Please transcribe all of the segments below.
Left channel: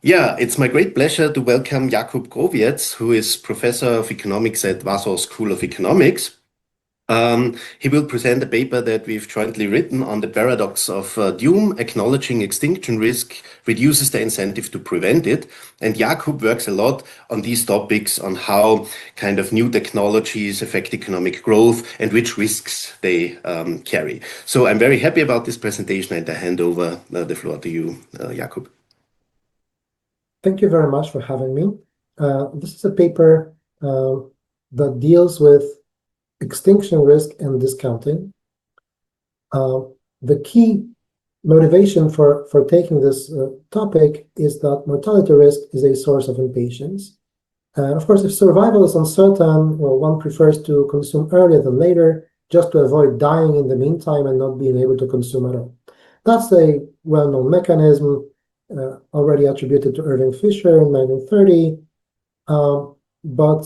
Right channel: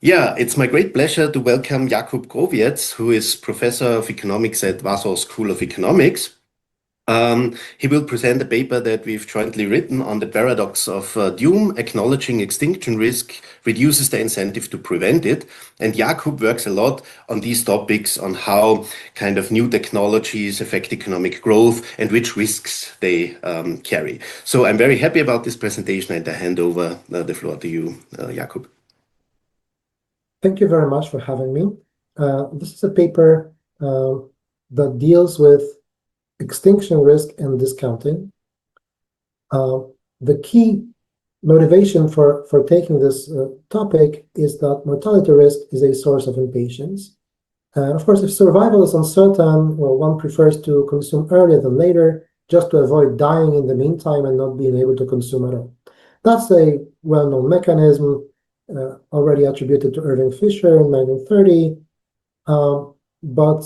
Yeah, it's my great pleasure to welcome Jakub Growiec, who is professor of economics at Warsaw School of Economics. He will present a paper that we've jointly written on the paradox of doom, acknowledging extinction risk reduces the incentive to prevent it. And Jakub works a lot on these topics, on how kind of new technologies affect economic growth and which risks they carry. So I'm very happy about this presentation, and I hand over the floor to you, Jakub. Thank you very much for having me. This is a paper that deals with extinction risk and discounting. The key motivation for taking this topic is that mortality risk is a source of impatience. Of course, if survival is uncertain, well, one prefers to consume earlier than later, just to avoid dying in the meantime and not being able to consume at all. That's a well-known mechanism already attributed to Irving Fisher in 1930. But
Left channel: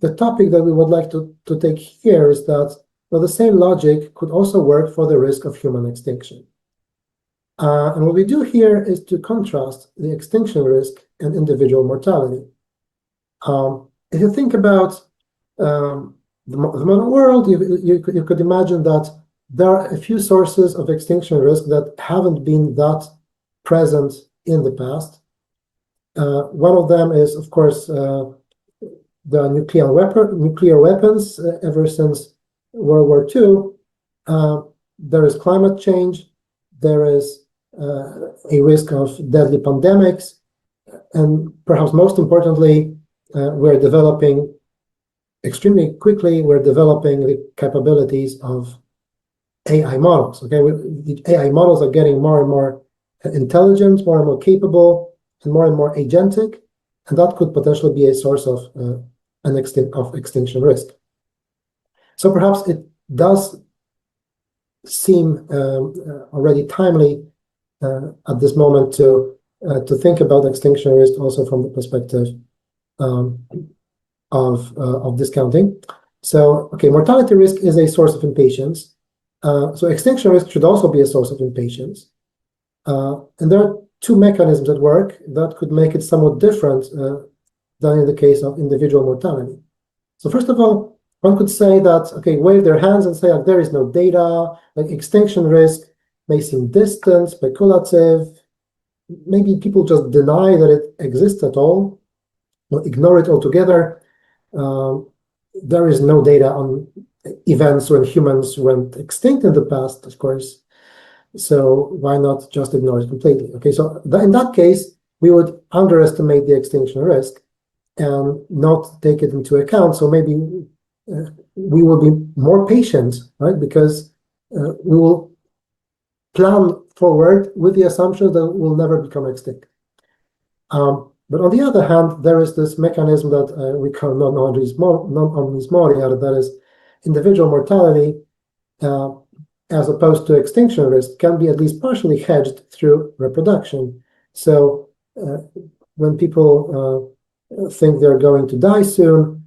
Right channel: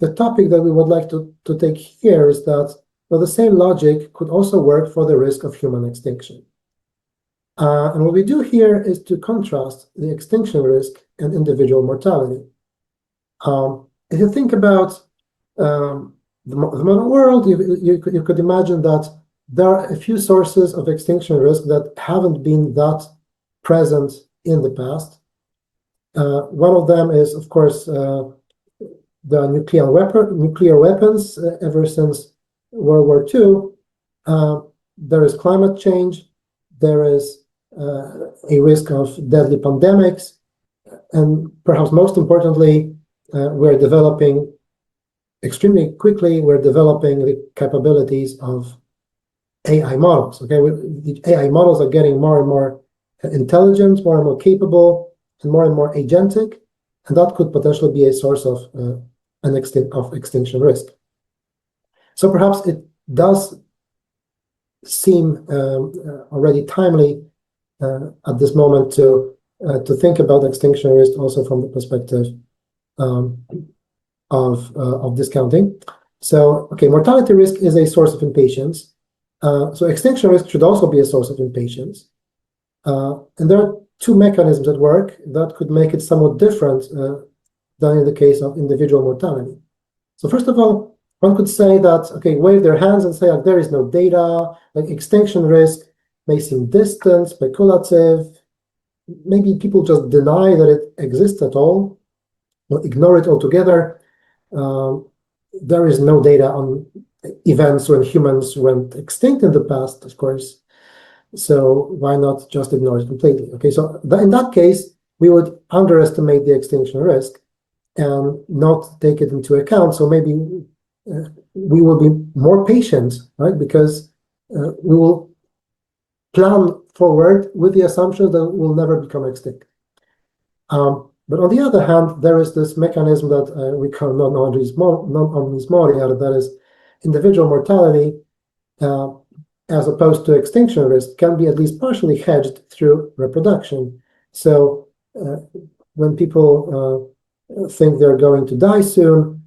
the topic that we would like to take here is that, well, the same logic could also work for the risk of human extinction. And what we do here is to contrast the extinction risk and individual mortality. If you think about the modern world, you could imagine that there are a few sources of extinction risk that haven't been that present in the past. One of them is, of course, the nuclear weapons. Ever since World War II, there is climate change, there is a risk of deadly pandemics, and perhaps most importantly, we're developing extremely quickly, we're developing the capabilities of AI models. Okay, the AI models are getting more and more intelligent, more and more capable, and more agentic, and that could potentially be a source of extinction risk. So perhaps it does seem already timely at this moment to think about extinction risk also from the perspective of discounting. So, okay, mortality risk is a source of impatience. So extinction risk should also be a source of impatience. And there are two mechanisms at work that could make it somewhat different than in the case of individual mortality. So first of all, one could say that, okay, wave their hands and say, like, there is no data, like extinction risk may seem distant, speculative. Maybe people just deny that it exists at all, or ignore it altogether. There is no data on events when humans went extinct in the past, of course. So why not just ignore it completely? Okay, so in that case, we would underestimate the extinction risk and not take it into account. So maybe we will be more patient, right? Because we will plan forward with the assumption that we'll never become extinct. But on the other hand, there is this mechanism that we call non-omnis moriar, that is individual mortality, as opposed to extinction risk, can be at least partially hedged through reproduction. So when people think they're going to die soon,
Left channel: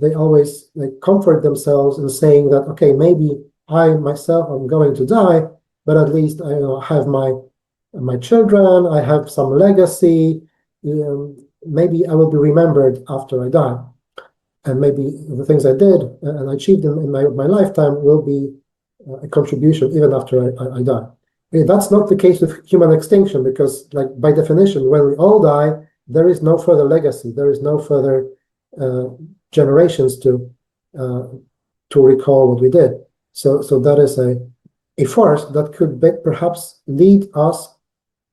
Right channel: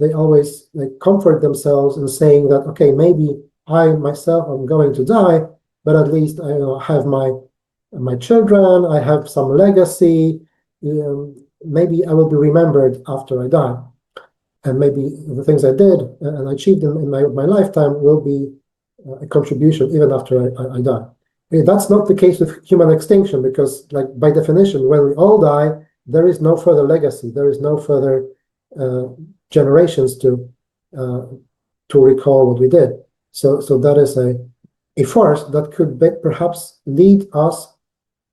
they always comfort themselves in saying that, okay, maybe I myself am going to die, but at least I have my children, I have some legacy, maybe I will be remembered after I die. And maybe the things I did and achieved in my lifetime will be a contribution even after I die. Okay, that's not the case with human extinction, because, like, by definition, when we all die, there is no further legacy, there is no further generations to recall what we did. So that is a force that could perhaps lead us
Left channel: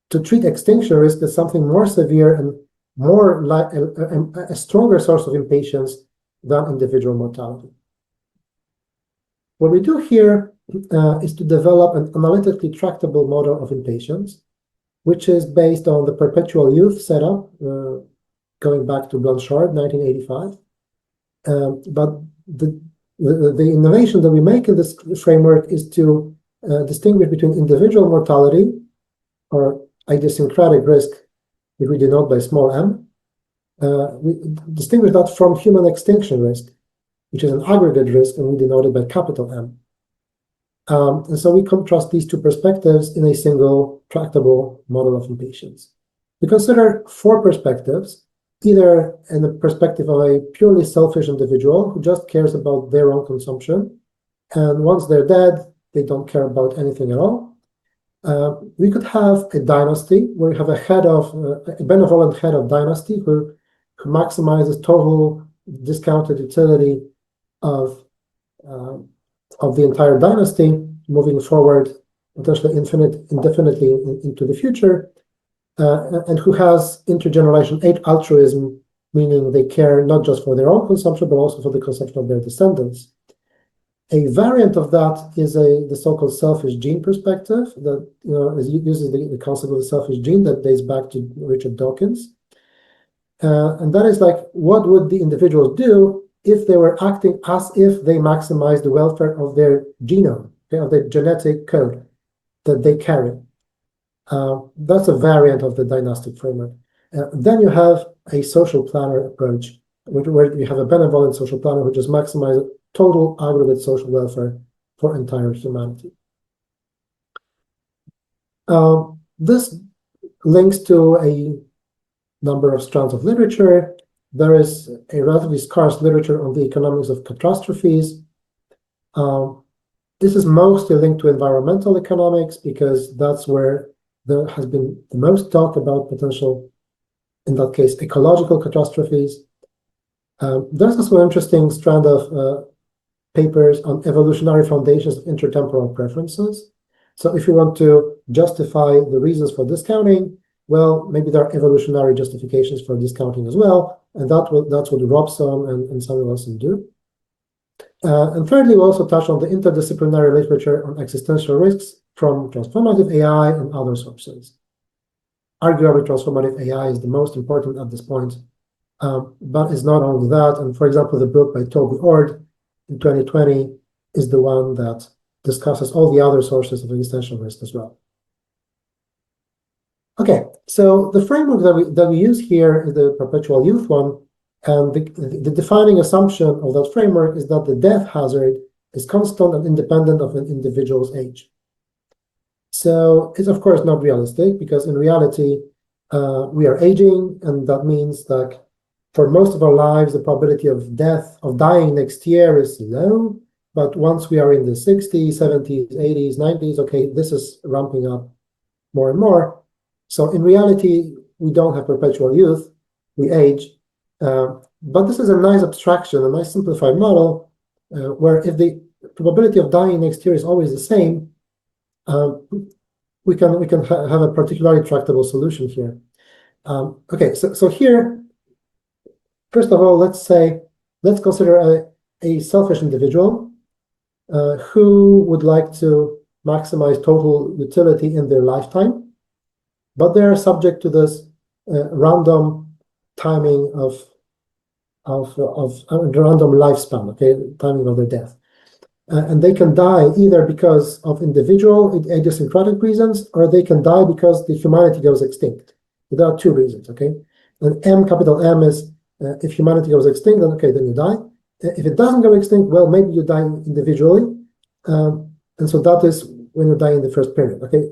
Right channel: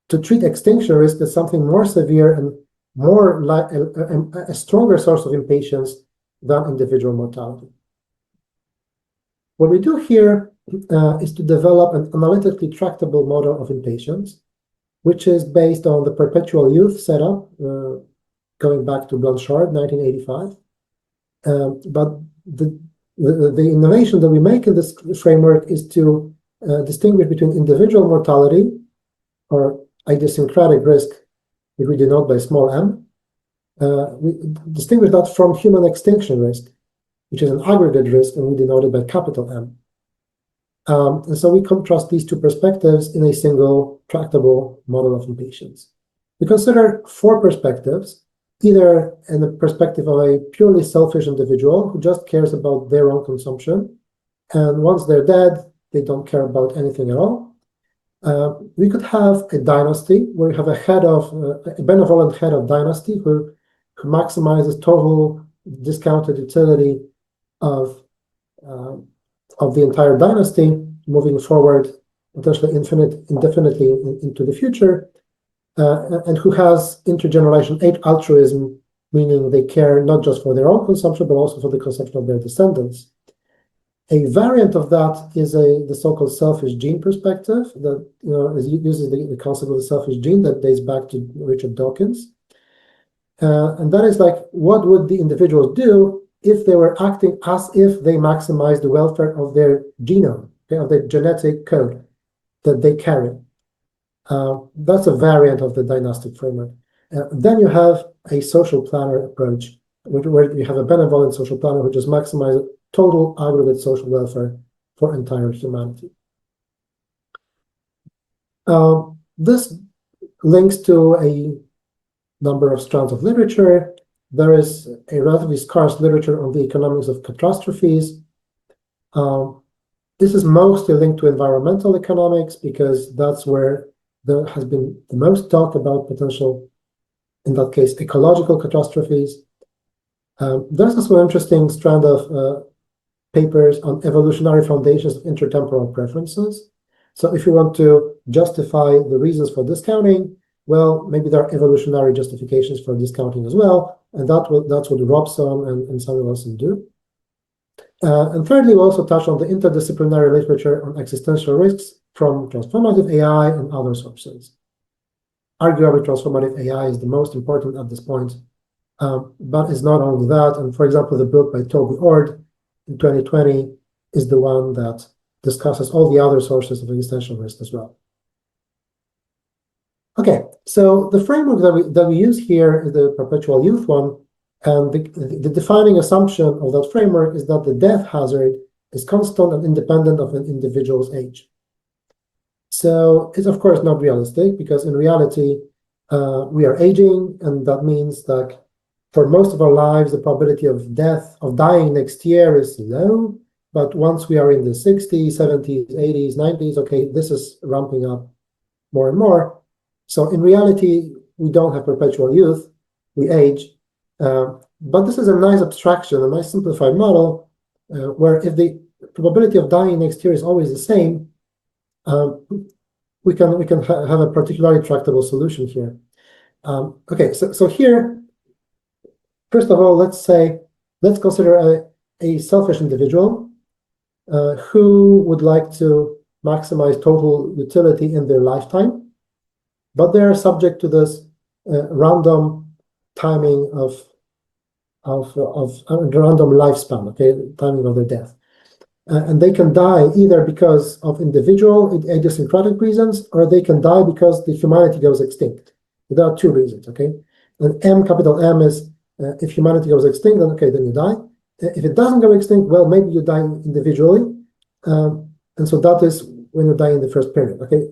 to treat extinction risk as something more severe and more like a stronger source of impatience than individual mortality. What we do here is to develop an analytically tractable model of impatience, which is based on the perpetual youth setup, going back to Blanchard, 1985. But the innovation that we make in this framework is to distinguish between individual mortality, or idiosyncratic risk, which we denote by small m. We distinguish that from human extinction risk, which is an aggregate risk, and we denote it by capital M. And so we contrast these two perspectives in a single tractable model of impatience. We consider four perspectives, either in the perspective of a purely selfish individual who just cares about their own consumption, and once they're dead, they don't care about anything at all. We could have a dynasty where you have a benevolent head of dynasty who maximizes total discounted utility of the entire dynasty, moving forward potentially indefinitely into the future, and who has intergenerational altruism, meaning they care not just for their own consumption, but also for the consumption of their descendants. A variant of that is the so-called selfish gene perspective that uses the concept of the selfish gene that dates back to Richard Dawkins. And that is like, what would the individuals do if they were acting as if they maximize the welfare of their genome, okay, of their genetic code that they carry? That's a variant of the dynastic framework. Then you have a social planner approach, where you have a benevolent social planner who just maximizes total aggregate social welfare for entire humanity. This links to a number of strands of literature. There is a relatively scarce literature on the economics of catastrophes. This is mostly linked to environmental economics because that's where there has been the most talk about potential, in that case, ecological catastrophes. There's also an interesting strand of papers on evolutionary foundations of intertemporal preferences. So if you want to justify the reasons for discounting, well, maybe there are evolutionary justifications for discounting as well, and that's what Robson and Samuel Wilson do. And thirdly, we also touch on the interdisciplinary literature on existential risks from transformative AI and other sources. Arguably, transformative AI is the most important at this point, but it's not only that. And for example, the book by Toby Ord in 2020 is the one that discusses all the other sources of existential risk as well. Okay, so the framework that we use here is the perpetual youth one, and the defining assumption of that framework is that the death hazard is constant and independent of an individual's age. So it's of course not realistic, because in reality, we are aging, and that means that for most of our lives, the probability of dying next year is low. But once we are in the 60s, 70s, 80s, 90s, okay, this is ramping up more and more. So in reality, we don't have perpetual youth, we age. But this is a nice abstraction, a nice simplified model, where if the probability of dying next year is always the same, we can have a particularly tractable solution here. Okay, so here, first of all, let's consider a selfish individual who would like to maximize total utility in their lifetime, but they are subject to this random timing of random lifespan, okay, timing of their death. And they can die either because of individual idiosyncratic reasons, or they can die because the humanity goes extinct. There are two reasons, okay? And capital M is if humanity goes extinct, then okay, then you die. If it doesn't go extinct, well, maybe you die individually. And so that is when you die in the first period, okay?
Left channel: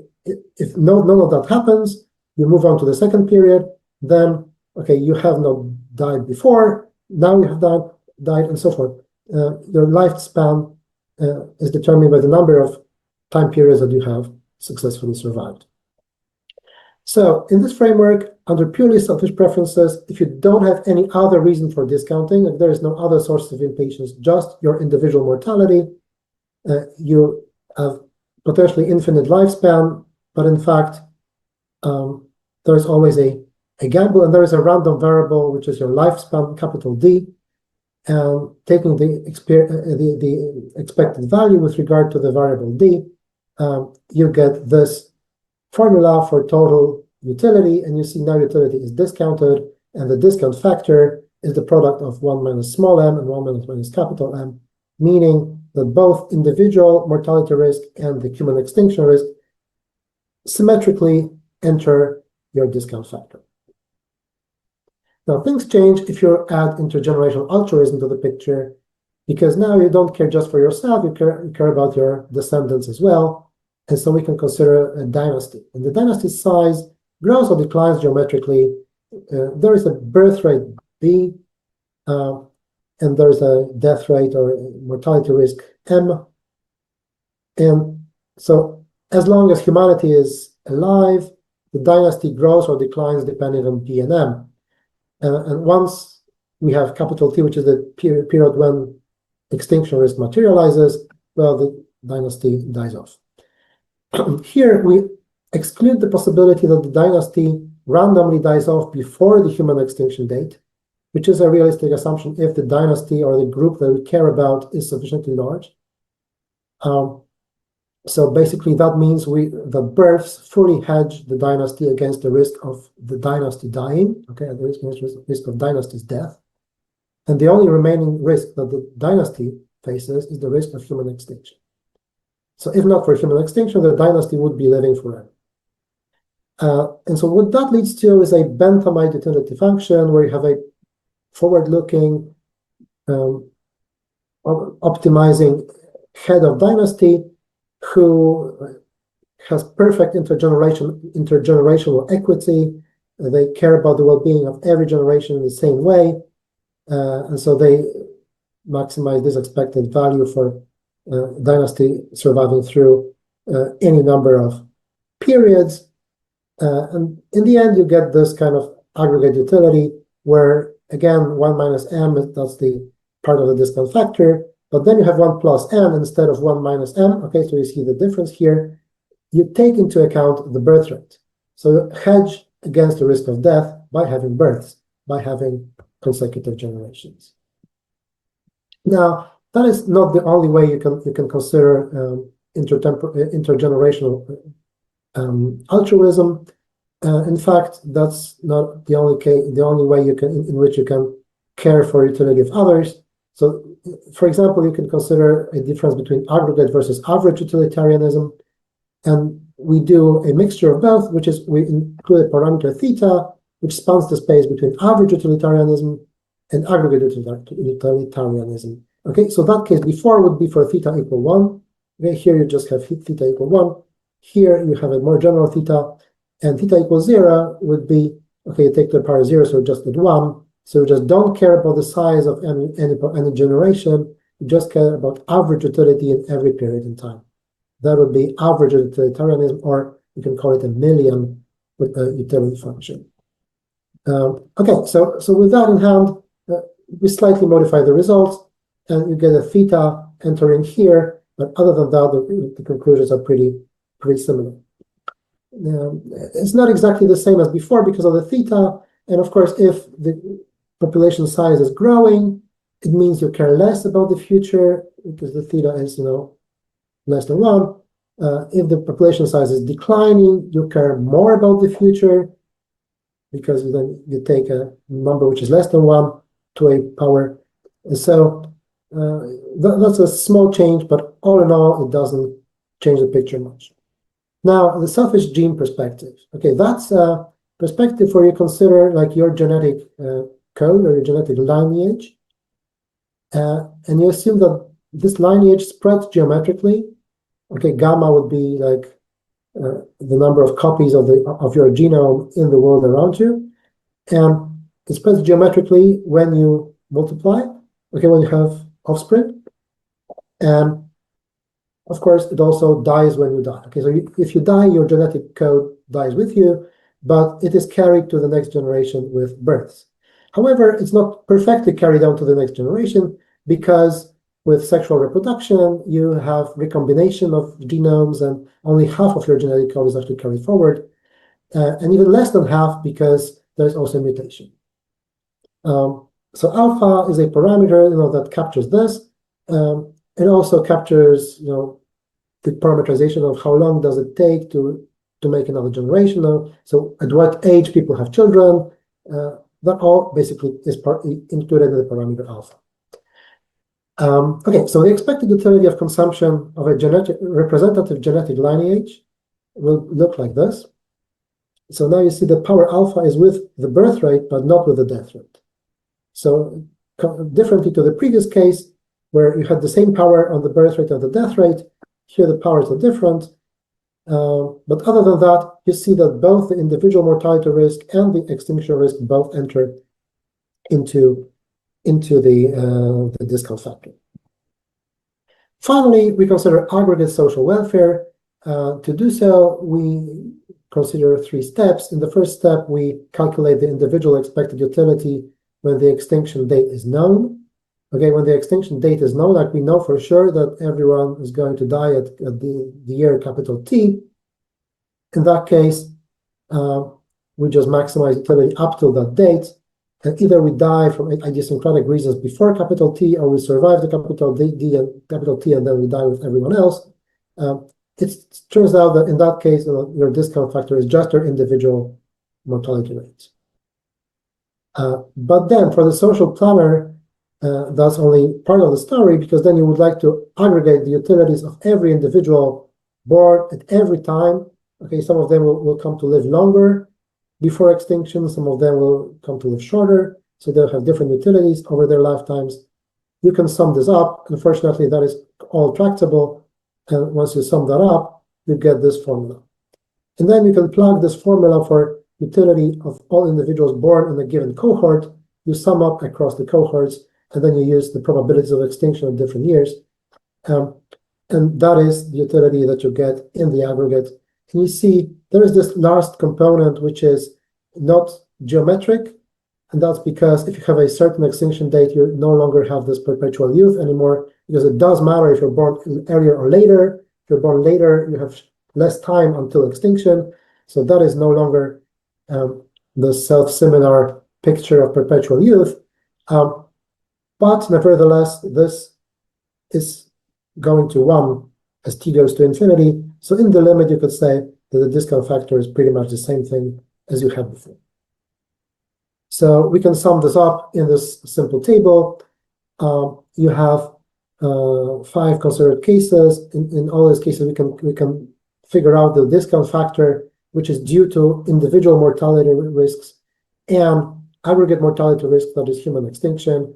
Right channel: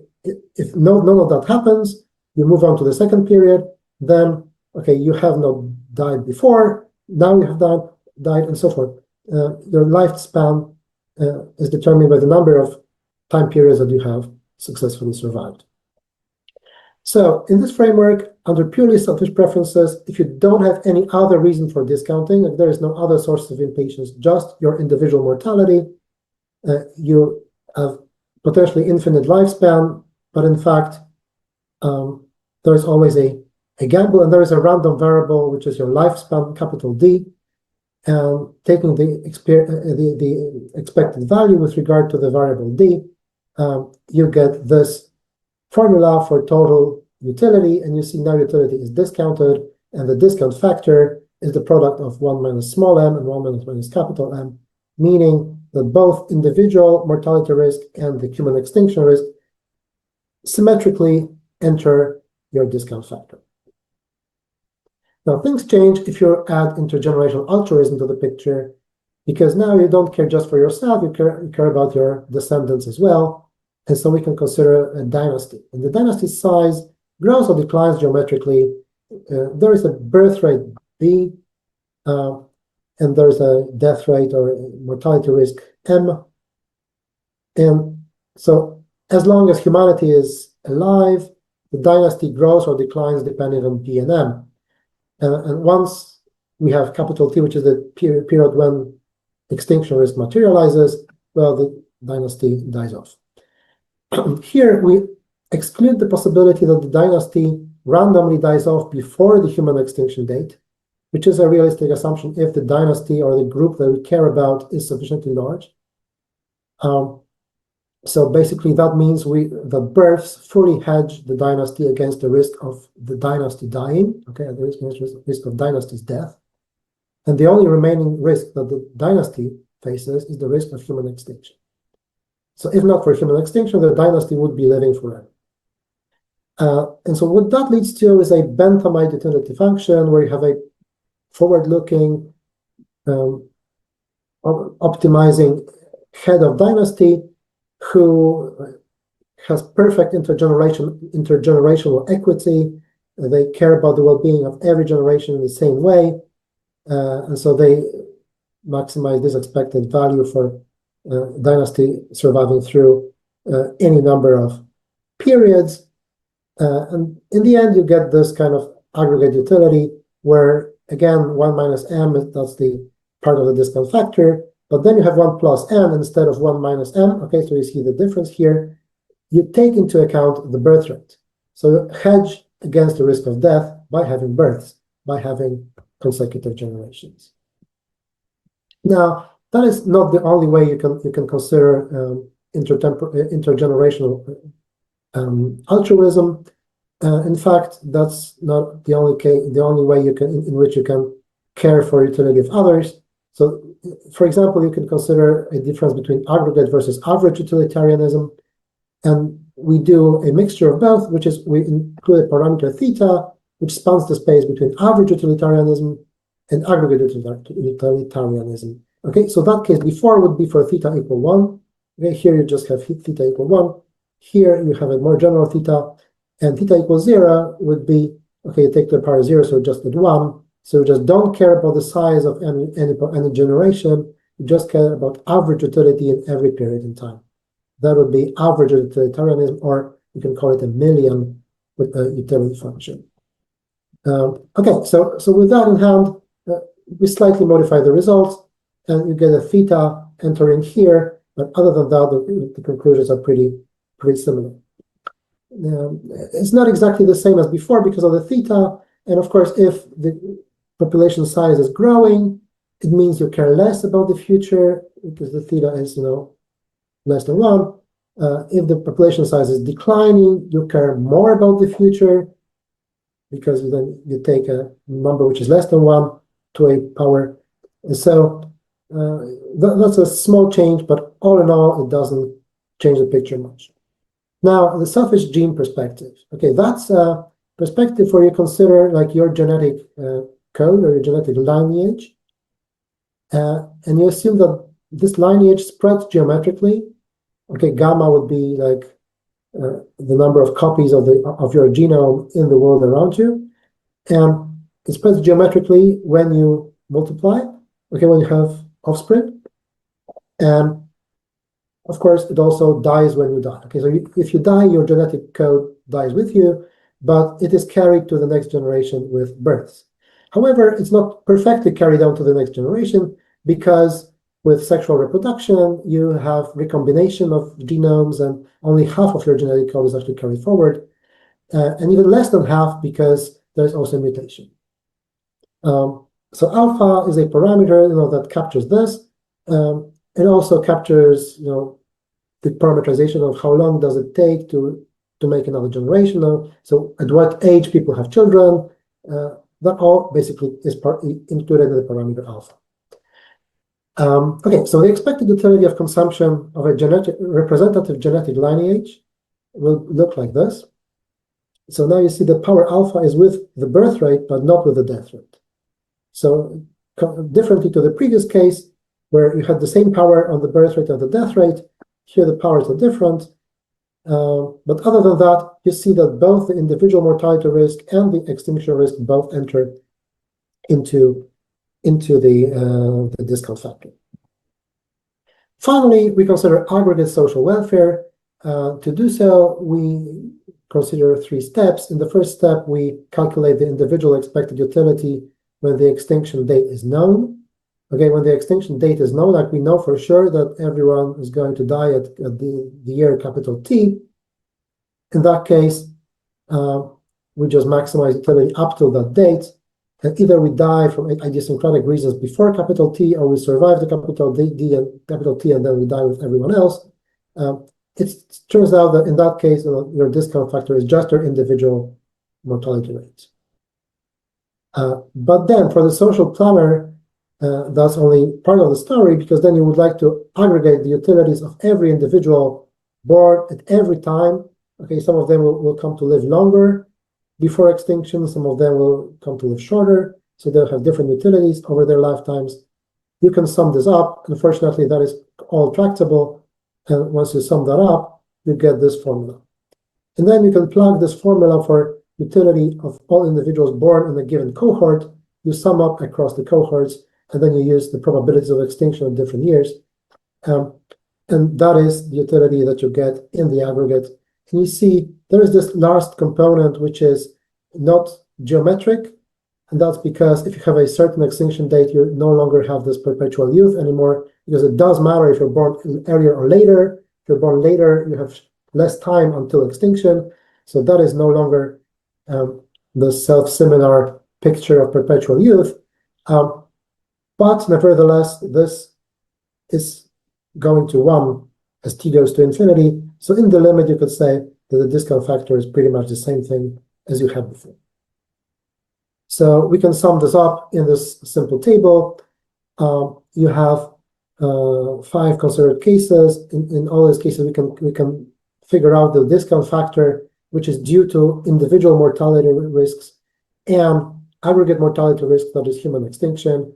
If none of that happens, you move on to the second period, then, okay, you have not died before, now you have died, and so forth. Your lifespan is determined by the number of time periods that you have successfully survived. So in this framework, under purely selfish preferences, if you don't have any other reason for discounting, if there is no other source of impatience, just your individual mortality, you have potentially infinite lifespan, but in fact, there is always a gamble, and there is a random variable, which is your lifespan, capital D, and taking the expected value with regard to the variable D, you get this formula for total utility, and you see now utility is discounted, and the discount factor is the product of 1 minus small m and 1 minus capital M, meaning that both individual mortality risk and the human extinction risk symmetrically enter your discount factor. Now, things change if you add intergenerational altruism to the picture, because now you don't care just for yourself, you care about your descendants as well. And so we can consider a dynasty. And the dynasty size grows or declines geometrically. There is a birth rate B, and there's a death rate or mortality risk M. And so as long as humanity is alive, the dynasty grows or declines depending on P and M. And once we have capital T, which is the period when extinction risk materializes, well, the dynasty dies off. Here we exclude the possibility that the dynasty randomly dies off before the human extinction date, which is a realistic assumption if the dynasty or the group that we care about is sufficiently large. So basically that means the births fully hedge the dynasty against the risk of the dynasty dying, okay, and the risk of dynasty's death. And the only remaining risk that the dynasty faces is the risk of human extinction. So if not for human extinction, the dynasty would be living forever. And so what that leads to is a Benthamite utility function where you have a forward-looking, optimizing head of dynasty who has perfect intergenerational equity. They care about the well-being of every generation in the same way. And so they maximize this expected value for dynasty surviving through any number of periods. And in the end, you get this kind of aggregate utility where, again, 1 minus m, that's the part of the discount factor, but then you have 1 plus m instead of 1 minus m. Okay, so you see the difference here. You take into account the birth rate. So hedge against the risk of death by having births, by having consecutive generations. Now, that is not the only way you can consider intergenerational altruism. In fact, that's not the only way in which you can care for utility of others. So, for example, you can consider a difference between aggregate versus average utilitarianism, and we do a mixture of both, which is we include a parameter theta, which spans the space between average utilitarianism and aggregate utilitarianism. Okay, so that case before would be for theta equal 1. Okay, here you just have theta equal 1. Here you have a more general theta, and theta equals 0 would be, okay, you take to the power 0, so just with 1. So you just don't care about the size of any generation, you just care about average utility in every period in time. That would be average utilitarianism, or you can call it a million with a utility function. Okay, so with that in hand, we slightly modify the results, and you get a theta entering here, but other than that, the conclusions are pretty similar. It's not exactly the same as before because of the theta, and of course, if the population size is growing, it means you care less about the future because the theta is, less than 1. If the population size is declining, you care more about the future because then you take a number which is less than 1 to a power. And so that's a small change, but all in all, it doesn't change the picture much. Now, the selfish gene perspective. Okay, that's a perspective where you consider like your genetic code or your genetic lineage, and you assume that this lineage spreads geometrically. Okay, gamma would be like the number of copies of your genome in the world around you, and it spreads geometrically when you multiply. Okay, when you have offspring, and of course, it also dies when you die. Okay, so if you die, your genetic code dies with you, but it is carried to the next generation with births. However, it's not perfectly carried on to the next generation because with sexual reproduction, you have recombination of genomes and only half of your genetic code is actually carried forward, and even less than half because there's also a mutation. So alpha is a parameter that captures this. It also captures the parameterization of how long does it take to make another generation. So at what age people have children. That all basically is included in the parameter alpha. Okay, so the expected utility of consumption of a representative genetic lineage will look like this. So now you see the power alpha is with the birth rate, but not with the death rate. So differently to the previous case, where you had the same power on the birth rate and the death rate, here the powers are different. But other than that, you see that both the individual mortality risk and the extinction risk both enter into the discount factor. Finally, we consider aggregate social welfare. To do so, we consider 3 steps. In the first step, we calculate the individual expected utility when the extinction date is known. Okay, when the extinction date is known, like we know for sure that everyone is going to die at the year capital T. In that case, we just maximize utility up till that date. And either we die from idiosyncratic reasons before capital T, or we survive the capital D and capital T, and then we die with everyone else. It turns out that in that case, your discount factor is just your individual mortality rate. But then for the social planner, that's only part of the story, because then you would like to aggregate the utilities of every individual born at every time. Okay, some of them will come to live longer before extinction, some of them will come to live shorter, so they'll have different utilities over their lifetimes. You can sum this up. Unfortunately, that is all tractable, and once you sum that up, you get this formula. And then you can plug this formula for utility of all individuals born in a given cohort. You sum up across the cohorts, and then you use the probabilities of extinction in different years. And that is the utility that you get in the aggregate. And you see there is this last component, which is not geometric. And that's because if you have a certain extinction date, you no longer have this perpetual youth anymore, because it does matter if you're born earlier or later. If you're born later, you have less time until extinction. So that is no longer the self-similar picture of perpetual youth. But nevertheless, this is going to 1 as t goes to infinity. So in the limit, you could say that the discount factor is pretty much the same thing as you had before. So we can sum this up in this simple table. You have 5 considered cases. In all these cases, we can figure out the discount factor, which is due to individual mortality risks and aggregate mortality risk, that is human extinction.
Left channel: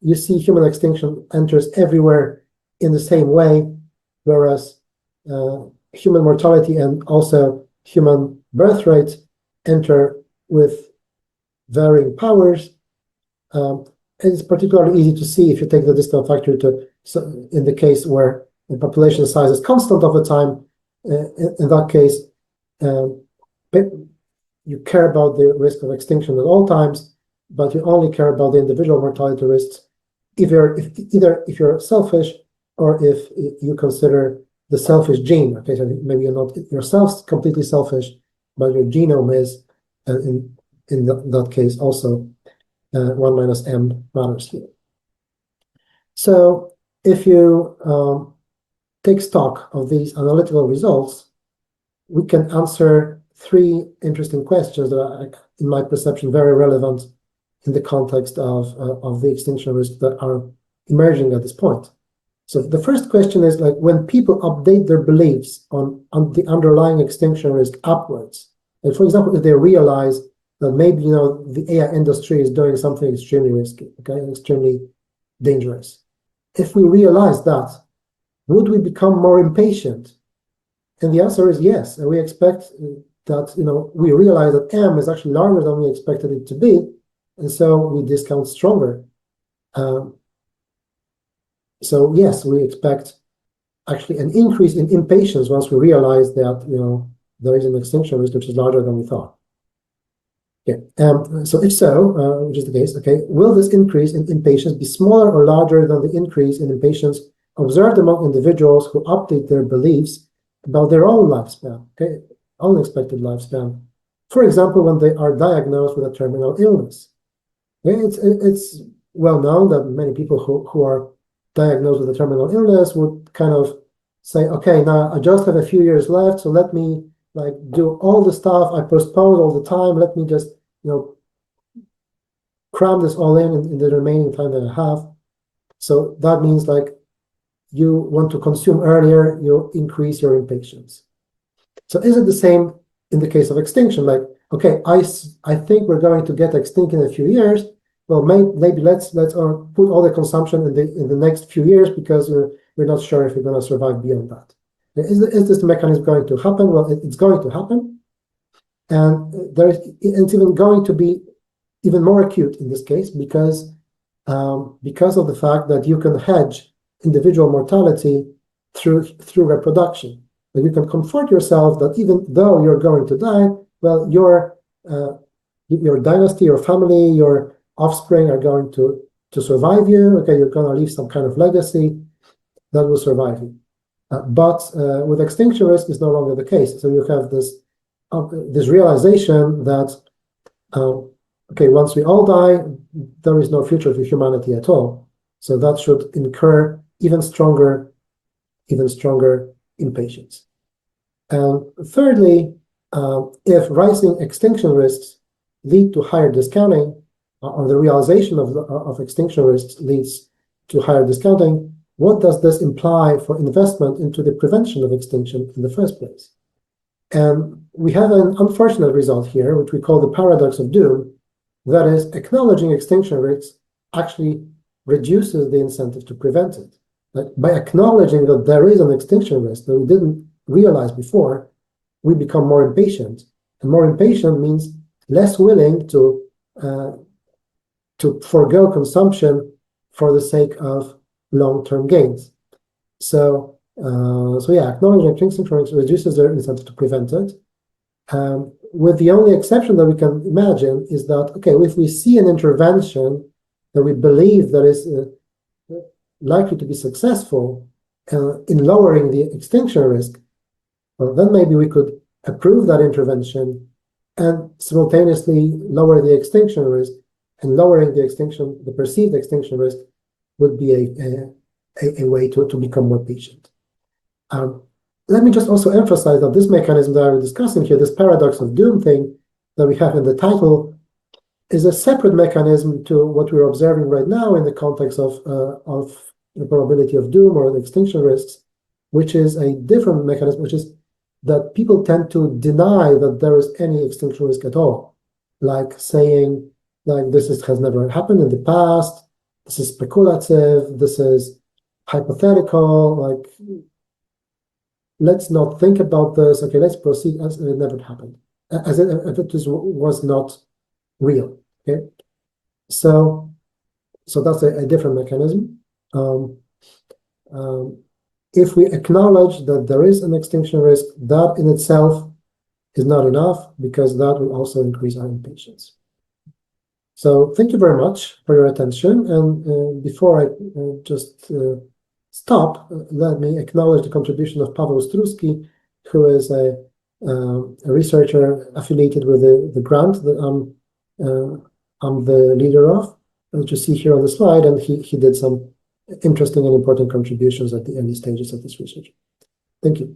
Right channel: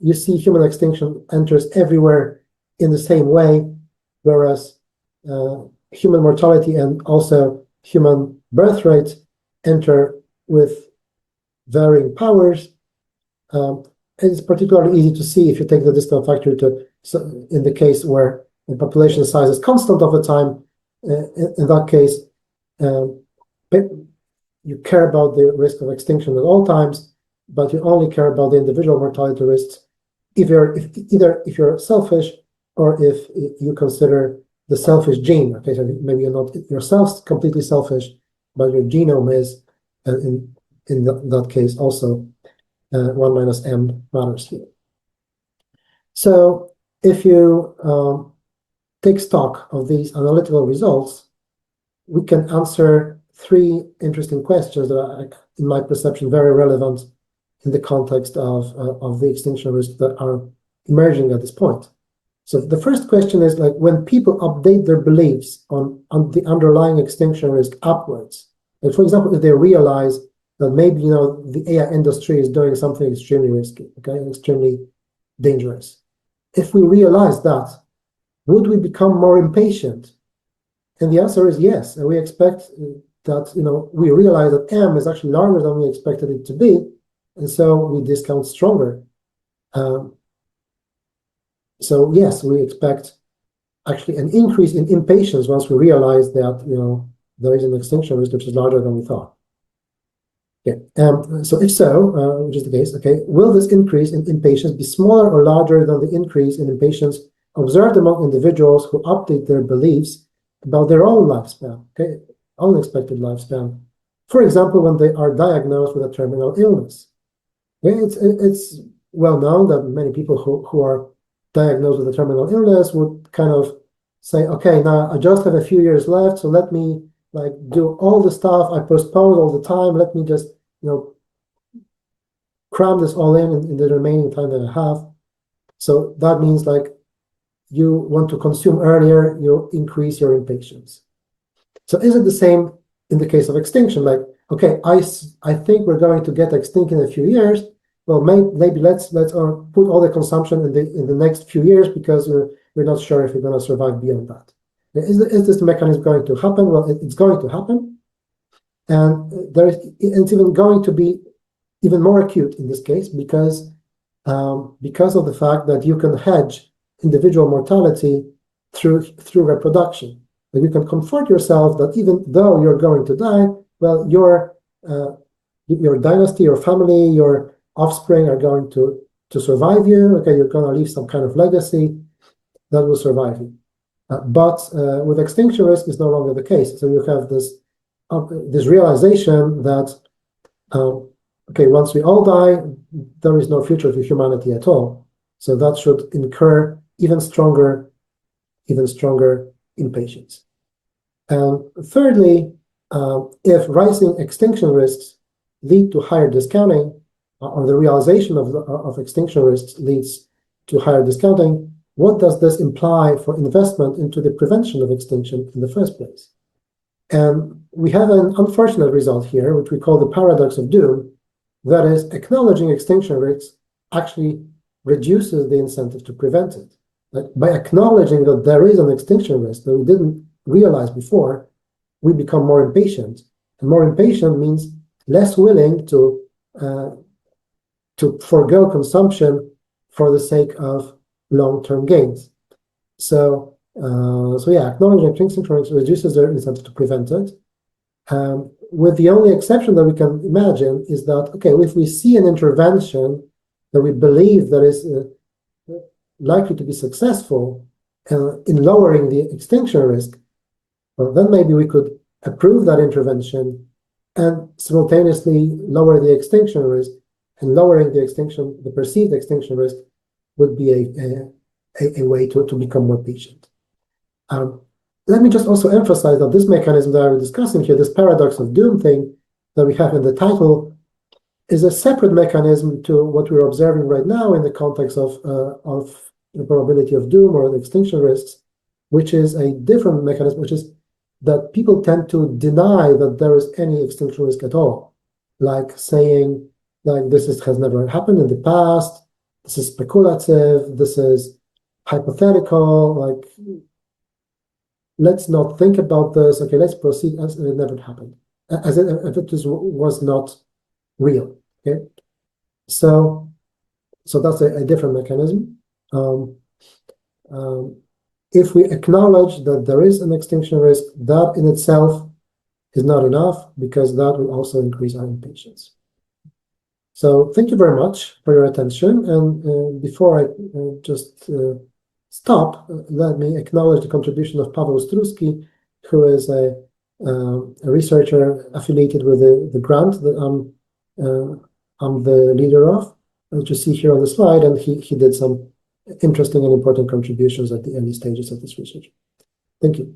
You see human extinction enters everywhere in the same way, whereas human mortality and also human birth rate enter with varying powers. It's particularly easy to see if you take the discount factor in the case where the population size is constant over time. In that case, you care about the risk of extinction at all times, but you only care about the individual mortality risks either if you're selfish or if you consider the selfish gene. Okay, so maybe you're not yourself completely selfish, but your genome is, and in that case also 1 minus m matters here. So if you take stock of these analytical results, we can answer 3 interesting questions that are, in my perception, very relevant in the context of the extinction risks that are emerging at this point. So the first question is, like, when people update their beliefs on the underlying extinction risk upwards, like for example, if they realize that maybe the AI industry is doing something extremely risky, okay, extremely dangerous. If we realize that, would we become more impatient? And the answer is yes. And we expect that we realize that M is actually larger than we expected it to be, and so we discount stronger. So yes, we expect actually an increase in impatience once we realize that there is an extinction risk which is larger than we thought. Okay. So if so, which is the case, okay, will this increase in impatience be smaller or larger than the increase in impatience observed among individuals who update their beliefs about their own lifespan, okay, unexpected lifespan? For example, when they are diagnosed with a terminal illness. Okay, it's well known that many people who are diagnosed with a terminal illness would kind of say, okay, now I just have a few years left, so let me do all the stuff I postponed all the time. Let me just cram this all in the remaining time that I have. So that means you want to consume earlier, you increase your impatience. So is it the same in the case of extinction? Okay, I think we're going to get extinct in a few years. Well, maybe let's put all the consumption in the next few years because we're not sure if we're going to survive beyond that. Is this mechanism going to happen? Well, it's going to happen, and it's even going to be even more acute in this case because of the fact that you can hedge individual mortality through reproduction. And you can comfort yourself that even though you're going to die, well, your dynasty, your family, your offspring are going to survive you. Okay, you're going to leave some kind of legacy that will survive you. But with extinction risk, it's no longer the case. So you have this realization that okay, once we all die, there is no future for humanity at all. So that should incur even stronger impatience. And thirdly, if rising extinction risks lead to higher discounting, or the realization of extinction risks leads to higher discounting, what does this imply for investment into the prevention of extinction in the first place? And we have an unfortunate result here, which we call the paradox of doom. That is, acknowledging extinction risks actually reduces the incentive to prevent it. By acknowledging that there is an extinction risk that we didn't realize before, we become more impatient. And more impatient means less willing to forego consumption for the sake of long-term gains. So yeah, acknowledging extinction risk reduces their incentive to prevent it. With the only exception that we can imagine is that, okay, if we see an intervention that we believe that is likely to be successful in lowering the extinction risk, well, then maybe we could approve that intervention and simultaneously lower the extinction risk. And lowering the perceived extinction risk would be a way to become more patient. Let me just also emphasize that this mechanism that we're discussing here, this paradox of doom thing that we have in the title, is a separate mechanism to what we're observing right now in the context of the probability of doom or the extinction risks, which is a different mechanism, which is that people tend to deny that there is any extinction risk at all, like saying, like, this has never happened in the past, this is speculative, this is hypothetical, like, let's not think about this. Okay, let's proceed as if it never happened, as if it was not real. Okay, so that's a different mechanism. If we acknowledge that there is an extinction risk, that in itself is not enough because that will also increase our impatience. So thank you very much for your attention. And before I just stop, let me acknowledge the contribution of Paweł Struski, who is a researcher affiliated with the grant that I'm the leader of, which you see here on the slide, and he did some interesting and important contributions at the early stages of this research. Thank you.